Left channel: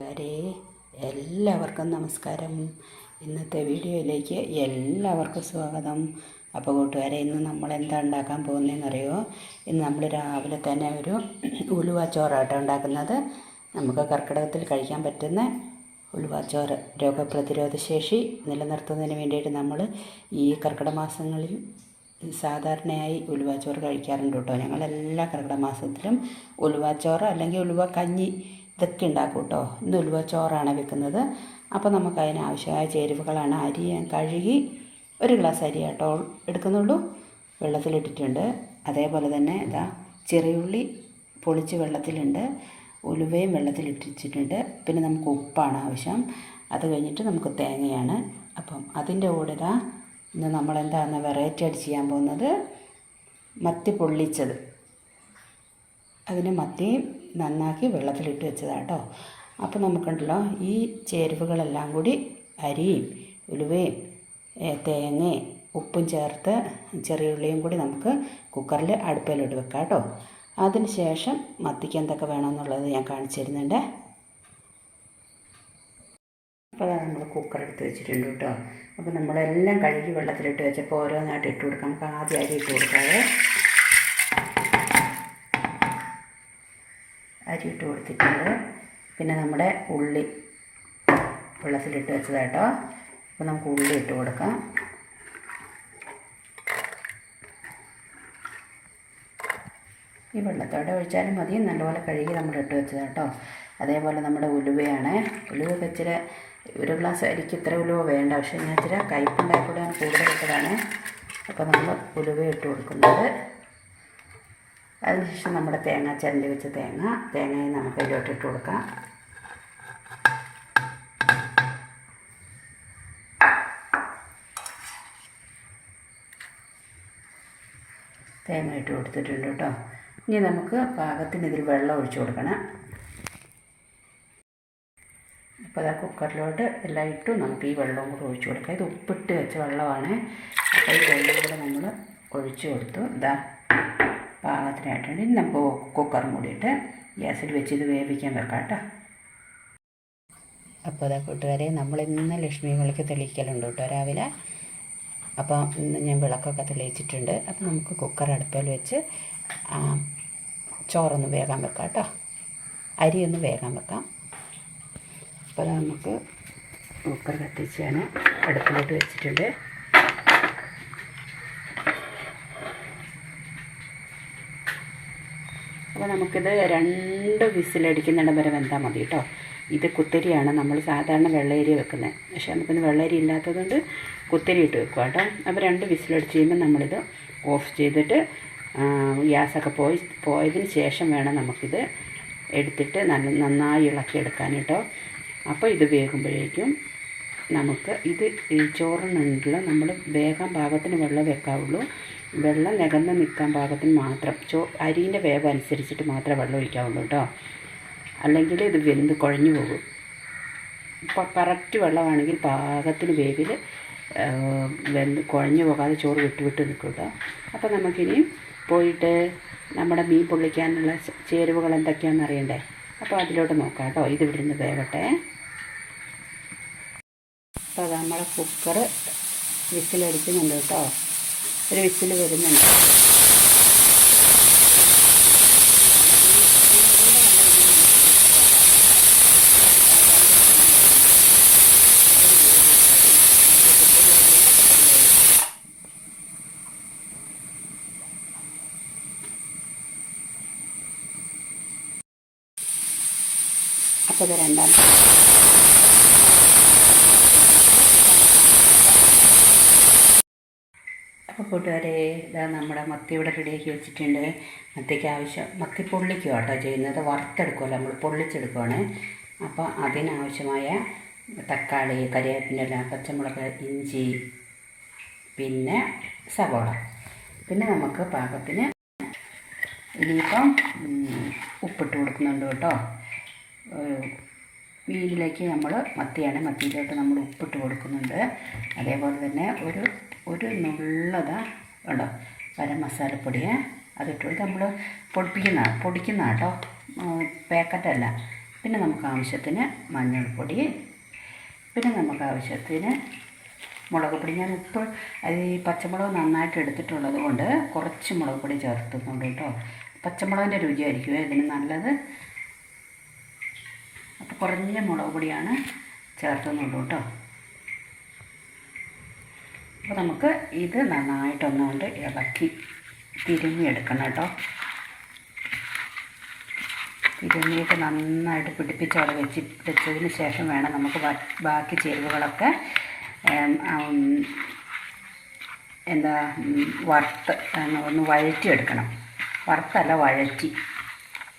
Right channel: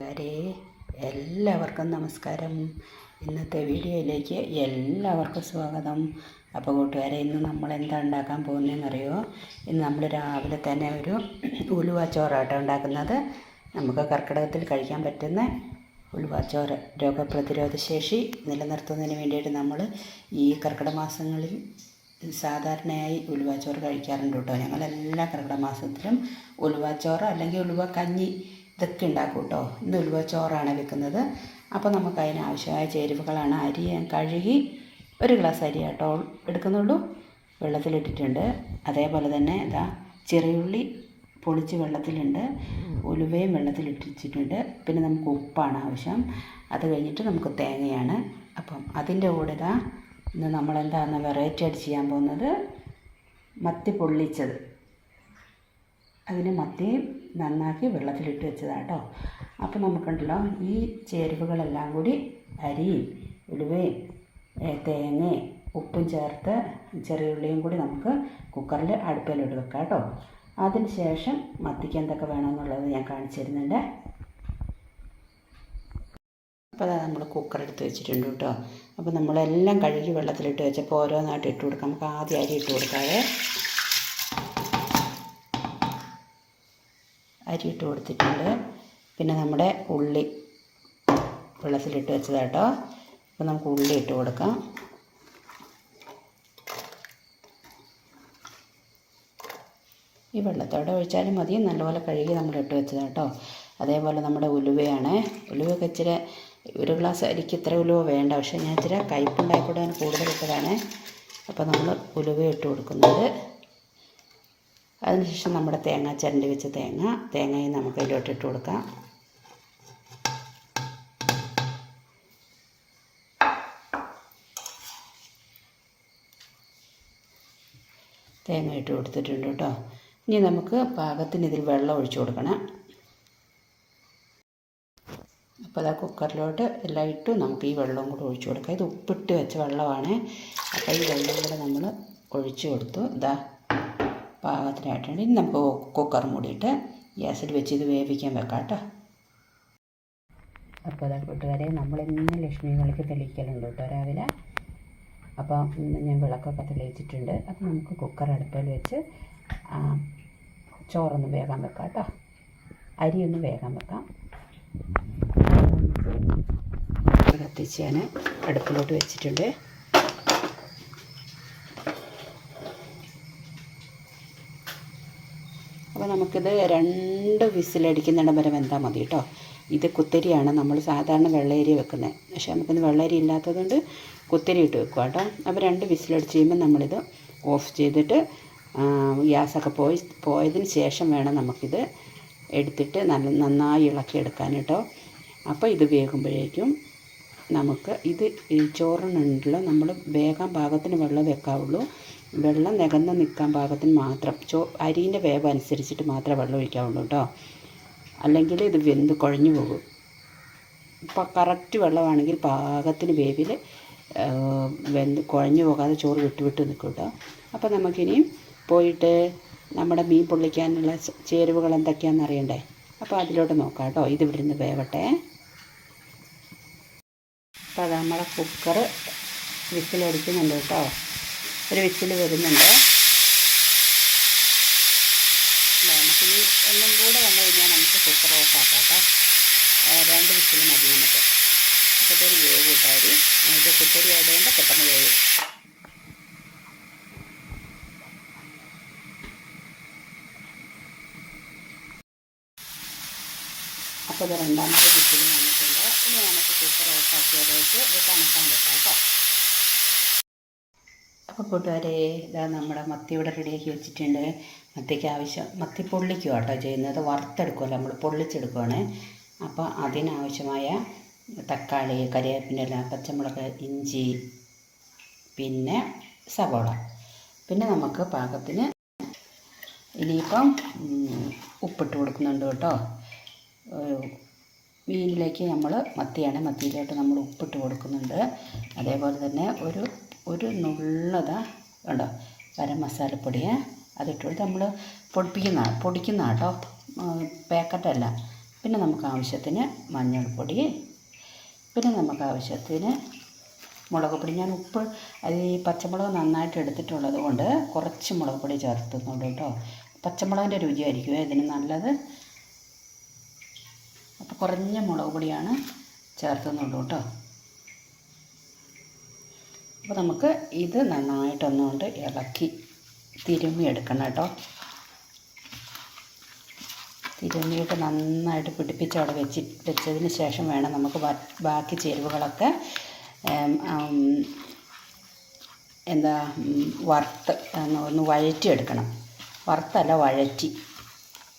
കൂട്ടുകാരെ എല്ലാവർക്കും നമസ്കാരം. ഇന്നത്തെ വീഡിയോയിലേക്ക് എല്ലാവർക്കും സ്വാഗതം. അപ്പോൾ കൂട്ടുകാരെ ഇന്ന് നമ്മൾ എന്താ ഉണ്ടാക്കാൻ പോകുന്നതെന്നറിയോ? ഇന്ന് നമ്മൾ രാവിലെ തന്നെ ഒരു ഉലുവ ചോറാട്ടം ഉണ്ടാക്കുന്നത്. നമുക്ക് കർക്കിടകത്തിൽ കഴിക്കാൻ പറ്റുന്ന ഉലുവച്ചോറ് രോഗപ്രതിരോധ ശേഷി നിലനിർത്തുന്നതിന് വേണ്ടിയിട്ട് നമ്മൾ ഈ കർക്കിടക മാസങ്ങളിൽ സാധാരണയായി ഉലുവ ചോറ് കഴിക്കാറുണ്ട് കേട്ടോ. ഞങ്ങൾ എല്ലാ കർക്കിടക മാസത്തിലും ഉലുവച്ചോറ് അല്ലെങ്കിൽ ഉലുവ കഞ്ഞി ഇതൊക്കെ ഉണ്ടാക്കും കേട്ടോ ഇന്ന് ഉലുവ ചോറാണ് വെക്കുന്നത്. അപ്പോൾ നമുക്ക് അതിനാവശ്യമായ ചേരുവകളാണ് അരി കഴുകി ഒരു ഗ്ലാസ് അരി കേട്ടോ എടുക്കുന്നുള്ളൂ. വെള്ളത്തിലിട്ടിട്ടുണ്ട്. അതേപോലെ തന്നെ ഇതാ ചെറിയുള്ളി പൊളിച്ച് വെള്ളത്തിലുണ്ട്. ഉലുവയും വെള്ളത്തിലിട്ടിച്ചിട്ടുണ്ട് പിന്നെ നമുക്ക് ഉപ്പാണ് ആവശ്യം. അത് കഴിഞ്ഞിട്ട് നമുക്ക് തേങ്ങയാണ്. അപ്പം അതിന്റെ കൂടെ ഇതാ ഇന്ന് നമ്മളെന്താണെന്ന് വെറൈറ്റി ആയിട്ട് ചെയ്യാൻ പോകുന്നത്? മത്തി പൊള്ളിച്ചത്. അതിന് മത്തിയും നന്നാക്കി വെള്ളത്തിലിട്ട് വെച്ചതാണ് കേട്ടോ അപ്പോൾ നമുക്കുണ്ടല്ലോ ഈ ചേരുവകളെല്ലാം കൂടി അരിയും ഉലുവയും തേങ്ങയും ഉപ്പും ചേർത്ത് ചെറിയ ഉള്ളിയും കൂടി നമുക്ക് കുക്കറിൽ അടുപ്പിലിട്ട് വെക്കാം കേട്ടോ. അതിന് ശേഷം മത്തിക്ക് എന്തൊക്കെ വേണമെന്നുള്ളത് ഞാൻ കാണിച്ചു തരുന്നുണ്ട്. അപ്പോൾ അതാ നമ്മൾ കുക്കർ എടുത്ത് വെച്ചിട്ടുണ്ട് കേട്ടോ. അപ്പോൾ നമ്മളെല്ലാം കഴുകി വെള്ളത്തിലിട്ട് വെച്ചപ്പോൾ ഓരോന്നായിട്ട് ഇട്ട് കൊടുക്കാം. നമുക്ക് ആദ്യം അരി ഇട്ട് കൊടുക്കാതെ അരി ഇട്ട് കൊടുത്തിട്ടുണ്ട്. പിന്നെ നമ്മുടെ ഉള്ളി വെള്ളത്തിലിട്ട് വെച്ചതാട്ടോ. അപ്പോൾ നമുക്ക് ഉള്ളി ഇട്ട് കൊടുക്കാം. ഈ വെള്ളത്തോടെ ഒഴിച്ചാലും മതി. നല്ലപോലെ കഴുകി നമ്മൾ ഇട്ട് വെച്ചതാട്ടോ. അതേപോലെ നമ്മുടെ ഉലുവയാണ്. ഉലുവയൊക്കെ ഇച്ചിരി ഒരു ഗ്ലാസ് അരിക്ക് ഇത്ര ഉലുവ വേണ്ട. പക്ഷേ ഞാൻ ഇച്ചിരി കയ്പുണ്ടായിക്കൂടെ കൂടുതൽ ഇട്ടതാണ്. അപ്പോൾ നമ്മൾ ഉലുവ ഇട്ട് കൊടുക്കുന്നത്. അതിനുശേഷം നമ്മുടെ തേങ്ങ ചിരണ്ടി വെച്ച തേങ്ങ തേങ്ങയും നമുക്ക് അതിലോട്ട് ഇട്ട് കൊടുക്കാം. തേങ്ങ ഇട്ട് കൊടുത്തിട്ടുണ്ട് കേട്ടോ. ഇനി നമുക്ക് പാകത്തിന് ഇതിൽ വെള്ളം ഒഴിച്ചു കൊടുക്കണം. അപ്പോൾ അതാ കുക്കറിലോട്ട് എല്ലാം ഇട്ടു. നമുക്ക് ഈ വെള്ളവും കൂടെ ഒഴിച്ചു കൊടുക്കാം. ഇത് ഉപ്പിട്ട് വെച്ച വെള്ളമാണ്. അപ്പോൾ ഈ വെള്ളം കൂടെ നമ്മൾ ഒഴിച്ചു കൊടുത്തു. ഇതാ പാകത്തിനായിട്ടുണ്ട് ഇനി നമുക്ക് കുക്കർ മൂടിയിട്ട് ഗ്യാസിൽ വെച്ച് ഇത് വേവിക്കാൻ വെക്കാം കേട്ടോ. അപ്പോൾ അതാ കൂട്ടുകാരെ നമ്മൾ ഇന്ന് ലക്ഷ്മി വിളക്ക് തെളിയിക്കലുണ്ട് കേട്ടോ രാവിലെ. അപ്പോൾ ഇന്ന് ഞാൻ വിളക്കൊക്കെ തെളിയിച്ചിട്ടുണ്ട്. അപ്പോൾ നമുക്ക് കുക്കർ അടുപ്പിൽ വെച്ച് ചോറൊന്ന് വേഗം വെക്കാം കേട്ടോ. അരി ഒന്ന് വേഗം വെക്കാം. അപ്പോൾ നമുക്ക് കത്തിച്ച് ഞാൻ അടുപ്പിലോട്ട് വെച്ചിട്ടുണ്ട് അപ്പോൾ നമുക്കിത് രണ്ട് വിസിലടിക്കുന്നിടം വരെ വെന്താൽ മതി കേട്ടോ. ഇത് കുത്തരിയാണ്. നമ്മൾ സാധാരണ വെള്ളരി വെക്കുന്നത്. പക്ഷേ നമുക്കിന്ന് വെള്ളരി ഇല്ലാത്തതുകൊണ്ട് കുത്തരി ഇട്ട് വെക്കുക കേട്ടോ. അപ്പോൾ രണ്ട് വിസിലടിച്ച് കഴിയുമ്പോൾ നമ്മളിത് ഓഫ് ചെയ്തിട്ട് ഗ്യാസൊക്കെ പോയി പോയതിന് ശേഷം വേണം നമുക്കിത് എടുത്തിട്ട് നല്ല നന്നായി ഇളക്കി ഇളക്കിയെടുക്കാൻ കേട്ടോ. അപ്പോൾ ഇത് വേകുമ്പോഴേക്കും നമുക്ക് ഇത് ഈ ചോറിനുണ്ടല്ലോ നമ്മൾ വേഗം പാകത്തിന് വെള്ളം വെക്കാവുള്ളൂ. വെള്ളം നികന്ന് നിൽക്കാൻ പാകത്തിന് മാത്രം. ചോ അരീന്റെ വേവ് അനുസരിച്ചിട്ട് മാത്രമേ വെള്ളം ഒഴിക്കാവുള്ളൂ കേട്ടോ അല്ലെങ്കിൽ ഇത് വെന്ത് കുഴഞ്ഞു പോകും. ഇപ്പം കറക്റ്റ് വെള്ളമാണെങ്കിൽ പാകത്തിന് വേവിൽ വെന്ത് കുഴഞ്ഞു പോകാതെ ചോറ് വിട്ട് വിട്ട് നിൽക്കും കേട്ടോ അപ്പോൾ നമുക്കിനി പോയിട്ട് നമ്മുടെ മീൻ പൊള്ളിക്കാനുള്ള ചേരുവകൾ എന്തൊക്കെയാണെന്ന് അറിയണ്ടേ? അപ്പോൾ അതിലോട്ട് നോക്കാം കേട്ടോ ഇത് ഇവിടെ നിന്ന് വേവട്ടെ അപ്പോൾ നമ്മുടെ കുക്കർ വിസിലടിക്കുന്നുണ്ട് കേട്ടോ ഒരു വിസിൽ വരുന്നുണ്ട്. അപ്പോൾ രണ്ടാമത്തെ അപ്പോൾ കൂട്ടുകാരെ ഇതാ നമ്മുടെ മത്തി ഇവിടെ റെഡിയാക്കി വെച്ചിട്ടുണ്ട്. മത്തിക്ക് ആവശ്യം മത്തി പൊള്ളിക്കുക കേട്ടോ ചെയ്യുന്നത്. വറുത്തെടുക്കുമല്ലോ നമ്മൾ പൊള്ളിച്ചെടുക്കുവാണ്. അപ്പോൾ അതിനാവശ്യമായ തക്കാളി കരിവേപ്പിന്റെ പച്ചമുളക് ഇഞ്ചി പിന്നെ സവോള. പിന്നെ നമുക്ക് പാകത്തിന് ഇനിയിപ്പം ഉപ്പിട്ട് കൊടുക്കുന്നുണ്ട് കേട്ടോ. മീനിലേക്ക് നമ്മൾ മത്തിയാണ് മത്തിയിലോട്ട് നമ്മൾ ഉപ്പിട്ട് കൊടുക്കുന്നുണ്ട്. അതേപോലെ തന്നെ ഒരു ഒരു നുള്ളത കേട്ടോ ഗരം മസാലപ്പൊടിയെ അതിട്ട് കൊടുത്ത് നമ്മൾ പൊടിപ്പിക്കുന്ന പൊടിക്കുന്ന കേട്ടോ. പാക്കറ്റല്ല. പിന്നെ നമുക്ക് ആവശ്യത്തിന് മഞ്ഞൾപ്പൊടി. പിന്നെ നമുക്ക് ആവശ്യത്തിന് മുളക് പൊടി. ഞാൻ ഉപ്പ് അത് ഈ പച്ചമുളക് നന്നായിട്ട് എടുത്തിട്ടുള്ളത് കൊണ്ട് കുറച്ച് മുളക് പൊടി ചേർത്തുന്നുണ്ട് കേട്ടോ. പച്ചമുളകിന്റെ രുചിയായിരിക്കും ഇതിന് നല്ലത്. അപ്പോൾ കുറഞ്ഞ മുളക് പൊടിയാണ് ചേർത്തുന്നുള്ളൂ കേട്ടോ. അപ്പോൾ നമുക്ക് ഇത് നന്നായിട്ടൊന്നുകൊണ്ട് ഇളക്കി തിരുമ്മിയെടുക്കണം കേട്ടോ. തിരുമ്മിയിട്ട് നന്നായിട്ട് പിടിപ്പിച്ച് അവിടെ വെച്ച് വെച്ചതിന് ശേഷം വേണം നമുക്ക് ബാക്കി ചേരുവകളൊക്കെ എന്താ വറുത്ത് ഒന്ന് വഴറ്റി വഴറ്റിയെടുക്കണം. വറുത്തല്ല വഴറ്റി.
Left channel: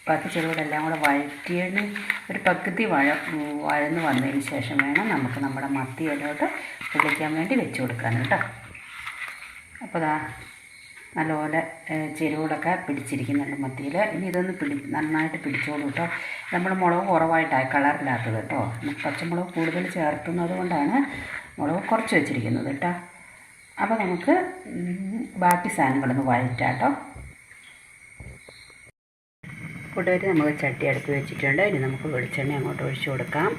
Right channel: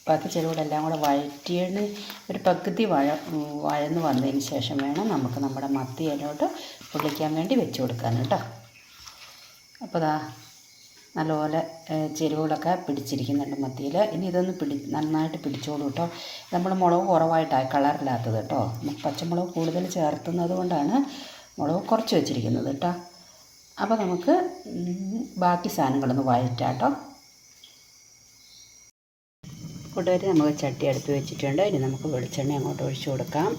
ബാക്കി എല്ലാം കൂടെ വഴറ്റിയതിന് ഒരു പകുതി വഴ വഴന്ന് വന്നതിന് ശേഷം വേണം നമുക്ക് നമ്മുടെ മത്തി ഇലോട്ട് പൊള്ളിക്കാൻ വേണ്ടി വെച്ച് കൊടുക്കാൻ കേട്ടോ. അപ്പോൾ ദാ നല്ലപോലെ ചെരുവുകളൊക്കെ പിടിച്ചിരിക്കുന്നുണ്ട് മത്തിയിൽ ഇനി ഇതൊന്ന് പിടി നന്നായിട്ട് പിടിച്ചോളൂ കേട്ടോ. നമ്മൾ മുളക് കുറവായിട്ടാണ് കളറില്ലാത്തത് കേട്ടോ. പച്ചമുളക് കൂടുതൽ ചേർത്തുന്നത് കൊണ്ടാണ് മുളക് കുറച്ച് വെച്ചിരിക്കുന്നത് കേട്ടോ. അപ്പോൾ നമുക്ക് ബാക്കി സാധനങ്ങളൊന്ന് വഴറ്റാം കേട്ടോ. കൂട്ടുകാർ നമുക്ക് ചട്ടി അടുത്ത് വെച്ചിട്ടുണ്ട്. ഇനി നമുക്ക് വെളിച്ചെണ്ണ അങ്ങോട്ട് ഒഴിച്ചു കൊടുക്കാം.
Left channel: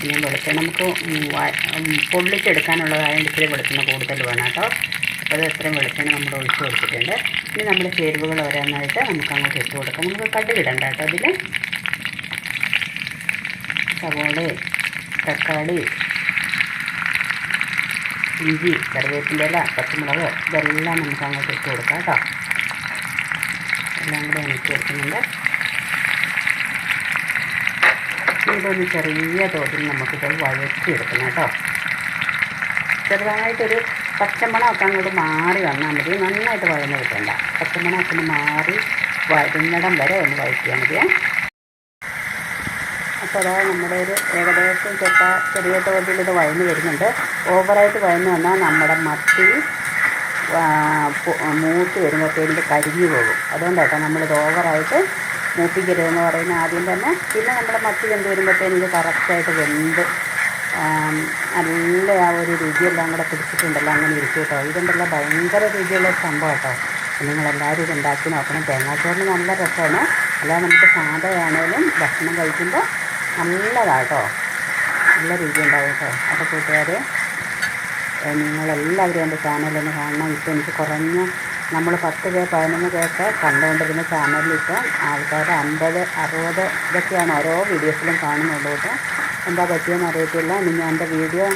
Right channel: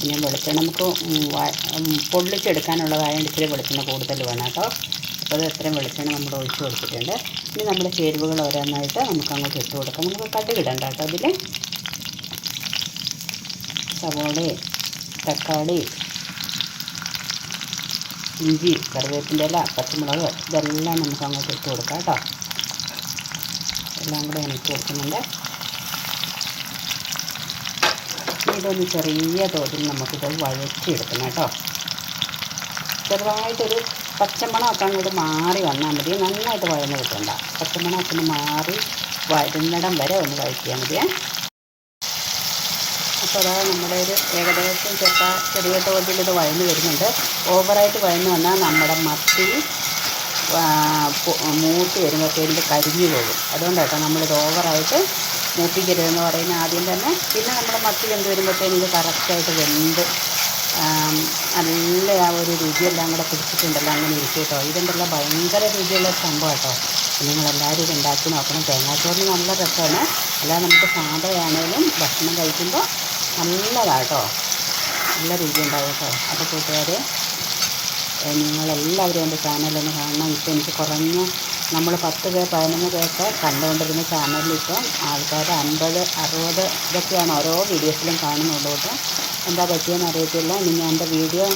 പിന്നെ വെളിച്ചെണ്ണ നമുക്ക് പൊള്ളിച്ചെടുക്കാനുള്ളതായതുകൊണ്ട് ഇച്ചിരി വെളിച്ചെണ്ണ കൂടുതൽ വേണം കേട്ടോ. അപ്പോൾ എത്രയും വെളിച്ചെണ്ണ നമ്മൾ ഒഴിച്ചു കൊടുത്തിട്ടുണ്ട്. ഇനി നമ്മൾ ചേരുവകൾ ഓരോന്നായിട്ട് നമുക്ക് അങ്ങോട്ട് ഇട്ട് കൊടുക്കാം. നമുക്ക് കടുകിടണ്ട കേട്ടോ അതിൽ സവോള തക്കാളി ഇഞ്ചി കറിവേപ്പിന്റെ ഇല പച്ചമുളക് ഇതെല്ലാം നമുക്ക് അങ്ങോട്ട് ഇട്ട് കൊടുക്കാം കേട്ടോ. എല്ലാം കൂടെ ഇട്ട് കൊടുക്കുന്നുണ്ട്. ഇതൊന്ന് ചെറിയ തോതിൽ നമുക്കിത് വഴറ്റിയെടുക്കണം കേട്ടോ. ചെറുതായിട്ടൊരു പച്ചമണമൊക്കെ അങ്ങോട്ട് മാറി വന്നാൽ മതി. നന്നായിട്ട് വഴന്ന് കിട്ടണ്ട. പച്ചമണമൊക്കെ ഒന്ന് മാറി വരുന്നിടം വരെ ഒന്ന് വഴറ്റിയാൽ മതിയേ. അപ്പോൾ അതാ നമ്മുടെ ഒരു ഏകദേശം ചെറുപ്പ ചെറിയ തോതിൽ ഇത് വഴന്ന് വരുന്നുണ്ട്. ഓവറായിട്ട് വഴന്ന് വന്നാൽ നമ്മുടെ മത്തി മൂത്ത് വരുമ്പോഴത്തേക്ക് കരിഞ്ഞു പോകും. അതുകൊണ്ടാട്ടോ നമ്മളിത് ഓവറായിട്ട് മൂപ്പിക്കരുതെന്ന് പറയുന്ന ആദ്യം തന്നെ. പിന്നെ നമ്മുടെ മത്തി വെന്ത് വരുമ്പോഴത്തേനും ഇത് കറക്റ്റായിട്ട് വെന്ത് നല്ല ആ ഒരു രുചിയെല്ലാം കൂടെ പിടിച്ചിട്ടുണ്ടല്ലോ. അങ്ങനെ ഇരിക്കും കേട്ടോ. ഇതുണ്ടല്ലോ ഭയങ്കര രുചിയുള്ള സംഭവം കേട്ടോ. നിങ്ങളെല്ലാവരും ഇത് ഉണ്ടാക്കി നോക്കണം. തേങ്ങാച്ചോറിന് നല്ല രസമാണ്. അല്ലാതെ നമുക്ക് സാധയാണേലും ഭക്ഷണം കഴിക്കുമ്പോൾ നല്ലതാണ് നല്ല രീതി ഉണ്ടാവും കേട്ടോ അപ്പോൾ കൂട്ടുകാർ നിങ്ങളെല്ലാവരും എന്റെ ചാനലൊന്ന് കാണണം. ഇപ്പോൾ എനിക്ക് കുറഞ്ഞ നമ്മൾ പത്ത് പേർ പതിനൊന്ന് പേർക്ക് കണ്ടുകൊണ്ടിരുന്ന ചാനലിൽ ഇപ്പം ആൾക്കാർ അൻപത് അറുപത് ഇതൊക്കെയാണ് ഓരോ വീഡിയോസിലും കാണുന്നുള്ളൂ കേട്ടോ. എന്താ പറ്റിയെന്ന് അറിയത്തില്ല. ഇനി ഞാൻ എന്റെ വീഡിയോ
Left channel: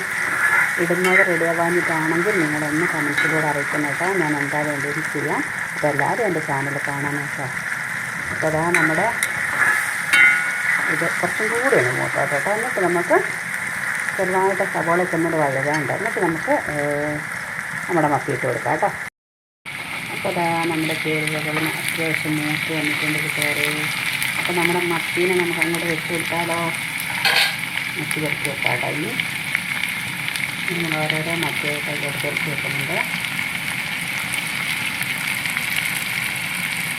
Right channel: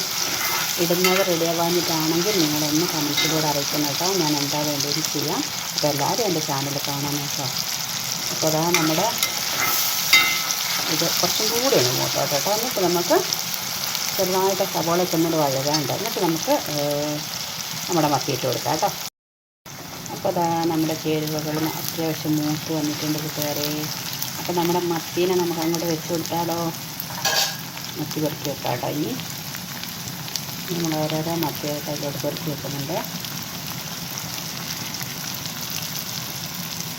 ഇടുന്നത് റെഡിയാവാഞ്ഞിട്ടാണെങ്കിൽ നിങ്ങളൊന്ന് കമൻസിലൂടെ അറിയിക്കണം കേട്ടോ. ഞാൻ എന്താ വേണ്ടതെന്ന് ചെയ്യാം. അപ്പോൾ എല്ലാവരും എന്റെ ചാനൽ കാണാൻ കേട്ടോ. അപ്പോൾ അതാ നമ്മുടെ ഇത് കുറച്ചും കൂടിയാണ് മൂത്തോട്ടോ. കേട്ടോ എന്നിട്ട് നമുക്ക് ചെറുതായിട്ട് സവോളയ്ക്ക് ഒന്നുകൂടെ വഴകാണ്ട് എന്നിട്ട് നമുക്ക് നമ്മുടെ മത്തിയിട്ട് കൊടുക്കാം കേട്ടോ അപ്പോൾ അതാ നമ്മുടെ ചേരുവകൾ അത്യാവശ്യം മൂത്ത് വന്നിട്ടുണ്ട് കൂട്ടുകാരെ. അപ്പോൾ നമ്മുടെ മത്തീനെ നമുക്ക് അങ്ങോട്ട് വെച്ച് കൊടുത്താലോ? മത്തി പെറുക്കി വെക്കാം കേട്ടോ ഇനി നമ്മൾ ഓരോരോ മത്തിയായിട്ട് അതിലോട്ട് പെരുത്തി വെക്കുന്നുണ്ട്.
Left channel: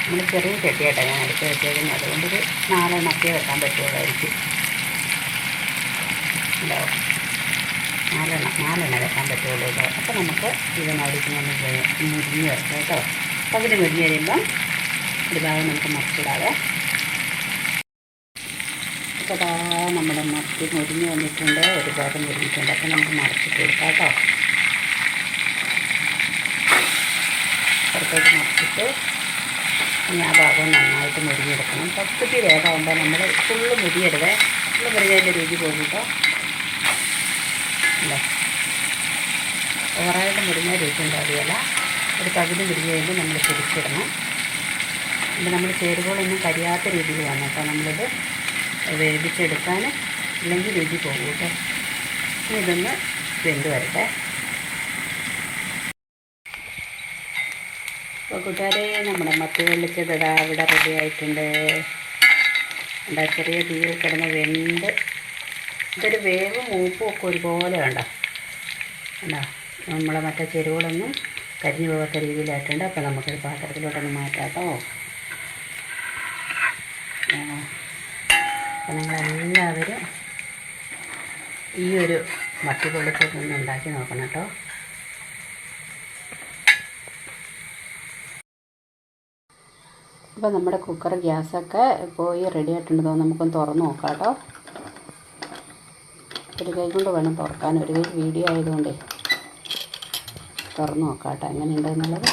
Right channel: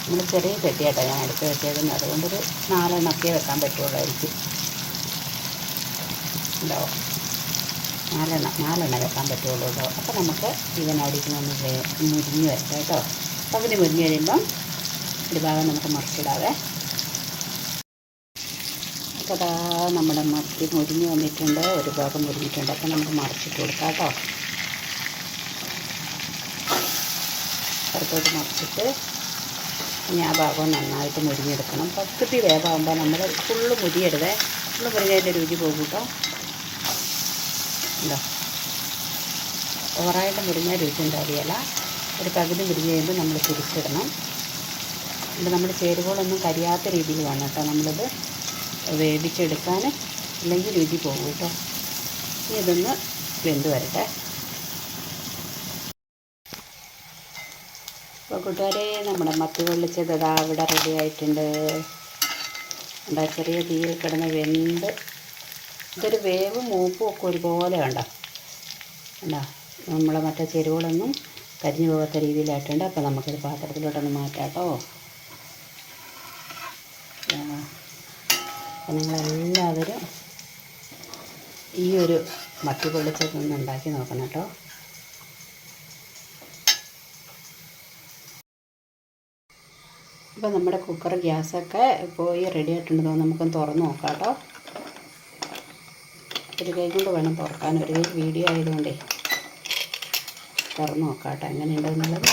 നമ്മൾ ചെറിയ ചട്ടിയായിട്ടാണ് ഞാൻ എടുത്ത് വെച്ചേക്കുന്നത്. അതുകൊണ്ടൊരു നാലെണ്ണക്കേ വെക്കാൻ പറ്റുള്ളായിരിക്കും ഉണ്ടാവും നാലെണ്ണം നാലെണ്ണ വെക്കാൻ പറ്റുള്ളൂ കേട്ടോ അപ്പോൾ നമുക്ക് ഇതിനടിക്കുന്നൊന്ന് മുരിഞ്ഞ് വെക്കാം കേട്ടോ. അപ്പോൾ അതിന് മുരിഞ്ഞ് കഴിയുമ്പം ഒരു ഭാഗം നമുക്ക് മറിച്ചിടാതെ അപ്പോൾ അതാ നമ്മുടെ മത്തി മുരിഞ്ഞ് വന്നിട്ടുണ്ട്. ഒരു ഭാഗം മുരിഞ്ഞിട്ടുണ്ട്. അപ്പോൾ നമുക്ക് മറിച്ചിട്ട് കൊടുക്കാം കേട്ടോ. പുറത്തോട്ട് മറിച്ചിട്ട് ഇനി ആ ഭാഗം നന്നായിട്ട് മുരിഞ്ഞെടുക്കണം. പകുതി വേഗമാകുമ്പോൾ നമ്മൾ ഫുള്ള് മുരിയരുതേ. ഫുള്ള് മുരിഞ്ഞതിന്റെ രുചി പോകും ഉണ്ടോ ഓവറായിട്ട് മുരിഞ്ഞ രുചി ഉണ്ടാവുകയില്ല. ഒരു പകുതി മുരിഞ്ഞ് കഴിയുമ്പോൾ നമ്മൾ തിരിച്ചിടണം ഇത് നമ്മൾ ചേരുവകളൊന്നും കരിയാത്ത രീതിയിൽ വേണം കേട്ടോ നമ്മളിത് വേവിച്ചെടുക്കാൻ. ഇല്ലെങ്കിൽ രുചി പോകും കേട്ടോ. ഇതൊന്ന് വെന്ത് വരട്ടെ. അപ്പോൾ കൂട്ടുകാരെ നമ്മുടെ മത്തി വെള്ളിച്ചത് ഇതാ ഇവിടെ റെഡി ആയിട്ടുണ്ട്. എന്താ ചെറിയ തീയിൽ കിടന്ന് വെന്ത്. ഇതൊരു വേവും മൂപ്പും ഒക്കെ ഒരുപോലെ വേണ്ട എന്താ നമ്മളെ മറ്റേ ചെരുവുകളൊന്നും കരിഞ്ഞു പോകാത്ത രീതിയിലായിട്ടുണ്ട്. അപ്പോൾ നമുക്കൊരു പാത്രത്തിലോട്ടൊന്ന് മാറ്റാം കേട്ടോ. അപ്പം നിങ്ങളെല്ലാവരും ഈ ഒരു മട്ടി പൊള്ളിച്ചൊക്കെ ഉണ്ടാക്കി നോക്കണം കേട്ടോ. അപ്പോൾ നമ്മുടെ കുക്കർ ഗ്യാസൊക്കെ പോയി റെഡി ആയിട്ടുണ്ട്. നമുക്കൊന്ന് തുറന്ന് നോക്കാം കേട്ടോ ഒരു കൈ കൊണ്ട് വേണം തുറക്കാൻ. ഒരു കൈ വീഡിയോ ആയതുകൊണ്ടേ. തുറന്ന് നോക്കാം കേട്ടോ എങ്ങനെയുണ്ടെന്നുള്ളത്.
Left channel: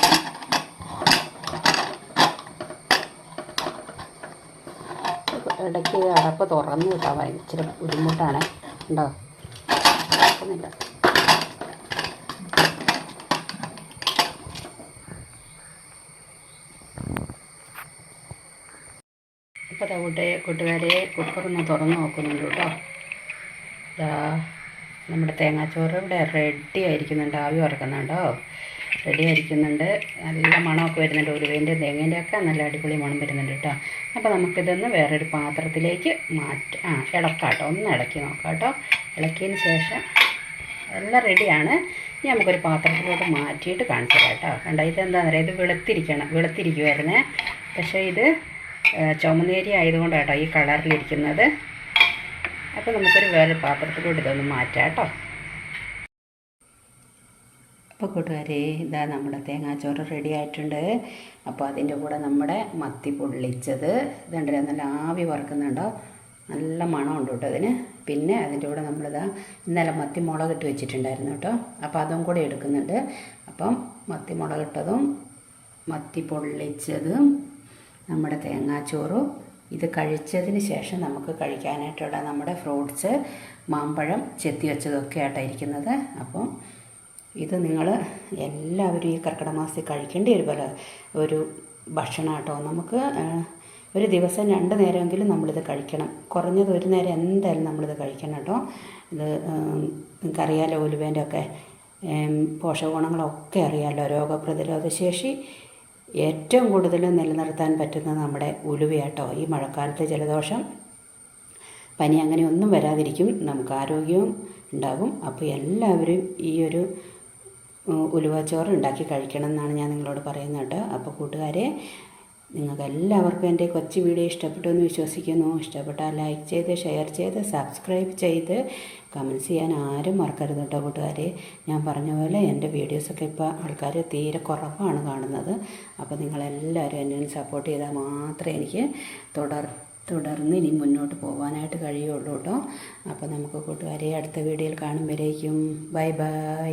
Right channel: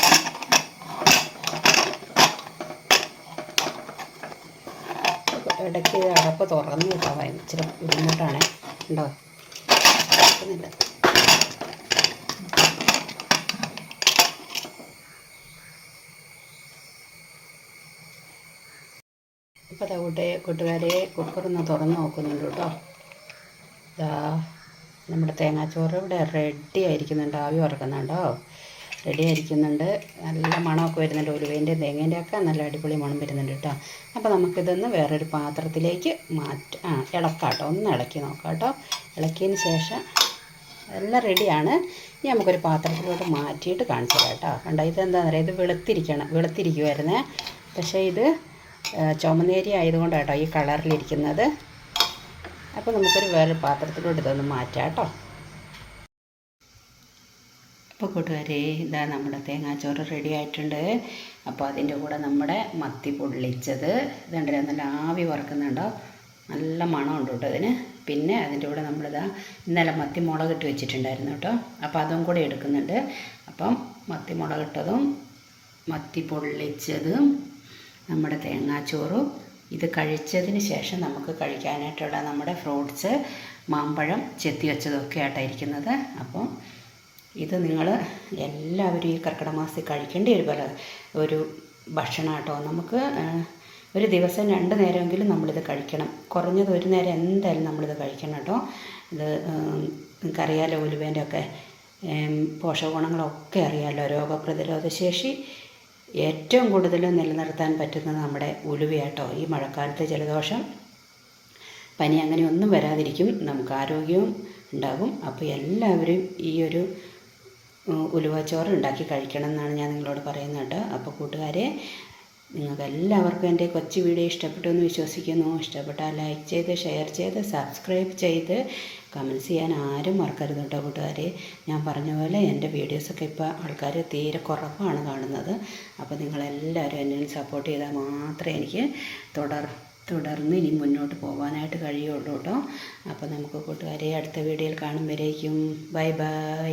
ഇടയ്ക്ക് അടപ്പ് തുറന്ന് കേട്ടോ. ഭയങ്കര ബുദ്ധിമുട്ടാണ്. ഉണ്ടോ? തുറക്കുന്നില്ല ഇപ്പോൾ ദാ കൂട്ടെ കൂട്ടുകാരെ കുക്കറൊന്ന് തുറന്ന് നോക്കുന്നുണ്ട് കേട്ടോ. ഇതാ നമ്മുടെ തേങ്ങാച്ചോറ് ഇവിടെ റെഡി ആയിരിക്കുന്നുണ്ട്. ആവി വറക്കുന്നുണ്ടോ റെഡി ആയിരിക്കുന്നുണ്ട്. നല്ല മണമൊക്കെ വരുന്നുണ്ട്. ഉലുവേന്റെ തേങ്ങേന്റെ ഒക്കെ നല്ല അടിപൊളി മണം വരുന്നുണ്ട് കേട്ടോ. അപ്പോൾ നമുക്കിതൊന്ന് വേറൊരു പാത്രത്തിലേക്ക് മാറ്റ ആ ഇളക്കാം കേട്ടോ. ഒന്ന് ഇളക്കി നോക്കാം കേട്ടോ. ഇളക്കിയതിന് ശേഷം എല്ലാം റെഡിയാണ് ഇനി നമുക്കൊരു പാത്രത്തിലോട്ട് മാറ്റിയിട്ട് കാണിച്ചു തരാം കേട്ടോ. കണ്ടോ ഇതെന്താണെന്ന് പറയുക ഇത് വെളുത്തിരിക്കണം. വെളുത്തിരിക്കുമായിരുന്നേ പക്ഷേ ഇത് ചുമന്നേരി ആയതുകൊണ്ടാണ് കേട്ടോ ഈ കളറിലിരിക്കുന്നത്. അപ്പോൾ നമുക്കൊരു വേറെ പാത്രത്തിലോട്ട് ഇതൊന്ന് മാറ്റാം കേട്ടോ. അപ്പോൾ കൂട്ടുകാരെ ഇതാ നമ്മുടെ തേങ്ങാച്ചോറ് റെഡി ആയിട്ടുണ്ട്. അപ്പോൾ അതിന്റെ കൂടെ നമ്മുടെ മത്തി പൊള്ളിച്ചത്. ഇതുണ്ട് നല്ല ആവി വറക്കുന്നുണ്ടോ? നല്ല മണമുണ്ട് കേട്ടോ അതിന്. പിന്നെ അതിന്റെ കൂടെ നമ്മളിതാ ഇന്നലെ മത്തി മുളകിട്ട് വെച്ചിട്ടുണ്ടായിരുന്നു കേട്ടോ. അപ്പോൾ അതും കൂടെ എടുക്കുന്നുണ്ട്. അപ്പം മത്തി മുളകിട്ടതും മത്തി പൊള്ളിച്ചതും നമ്മുടെ തേങ്ങാച്ചോറും ഇത് കഴിച്ചതിന് ശേഷം നമുക്ക് കഴിക്കാനായിട്ടുള്ള നമ്മുടെ ഫ്രൂട്ട്സ് മാമ്പഴം ചെത്തി വെച്ചതൊക്കെ ആയിട്ടായിരിക്കുന്നത് അപ്പം ഇത് നിങ്ങൾ എല്ലാവരും ഈ കർക്കിടക കഴിക്കേണ്ട ഒരു പല ഒരു ഭക്ഷണം കേട്ടോ നമുക്ക് ഒരു ദിവസം രണ്ട് നേരമെങ്കിലും നമ്മളിത് കഴിക്കണം. കുറഞ്ഞത് ഒരു നേരം എന്തായാലും നമ്മളിത് കഴിക്കണം കേട്ടോ. ഇത് നിങ്ങൾക്കറിയാലോ ഉലുവേന്റെ ഒക്കെ പോഷകഗുണങ്ങളൊക്കെ അറിയാമല്ലോ രോഗപ്രതിരോധ ശേഷി ഏറ്റവും കൂടുതൽ നിലനിർത്താൻ പറ്റുന്നത് നമ്മുടെ ഉലുവയാട്ടോ ഈ മഴക്കാലത്തെ ജലദോഷം. പനി അങ്ങനെ ഒന്നും വരാതിരിക്കും നമുക്ക് ആരോഗ്യവും ഉണ്ടാകും. അപ്പോൾ എല്ലാവരും ഈ ഒരു ഉലുവച്ചോറ് ഉണ്ടാക്കി കഴിക്കണം എന്നാണ് ഞാൻ നിങ്ങളോട് പറയുന്നത് അപ്പോൾ കൂട്ടുകാരെ നിങ്ങൾക്ക് എല്ലാവർക്കും എന്റെ കൊച്ചു വീഡിയോ ഇഷ്ടപ്പെട്ടു എന്ന് വിശ്വസിക്കുന്നു. ഇഷ്ടപ്പെട്ടാൽ ലൈക്ക് ചെയ്ത് ഷെയർ ചെയ്ത് സബ്സ്ക്രൈബ് ചെയ്ത് കമൻസ് ചെയ്യാൻ ആരും മറക്കരുത് കേട്ടോ കൂട്ടുകാരെ. ഞാൻ പറഞ്ഞ പോലെ എന്റെ വീഡിയോസൊക്കെ ഇപ്പോൾ ആൾക്കാർ തീരെ കുറവാണ് കാണുന്നത്. അപ്പോൾ നിങ്ങളെല്ലാവരും എന്നെ സപ്പോർട്ട് ചെയ്താൽ മാത്രമേ എനിക്ക് തുടർ തുടർന്ന് ഇനി മുന്നോട്ട് പോകാനായിട്ട് കഴിയുള്ളൂ കേട്ടോ. അപ്പോൾ നമുക്ക് കൂട്ടുകാരെ അടുത്ത വീഡിയോയിൽ കാണുമ്പോഴേക്കും. Bye bye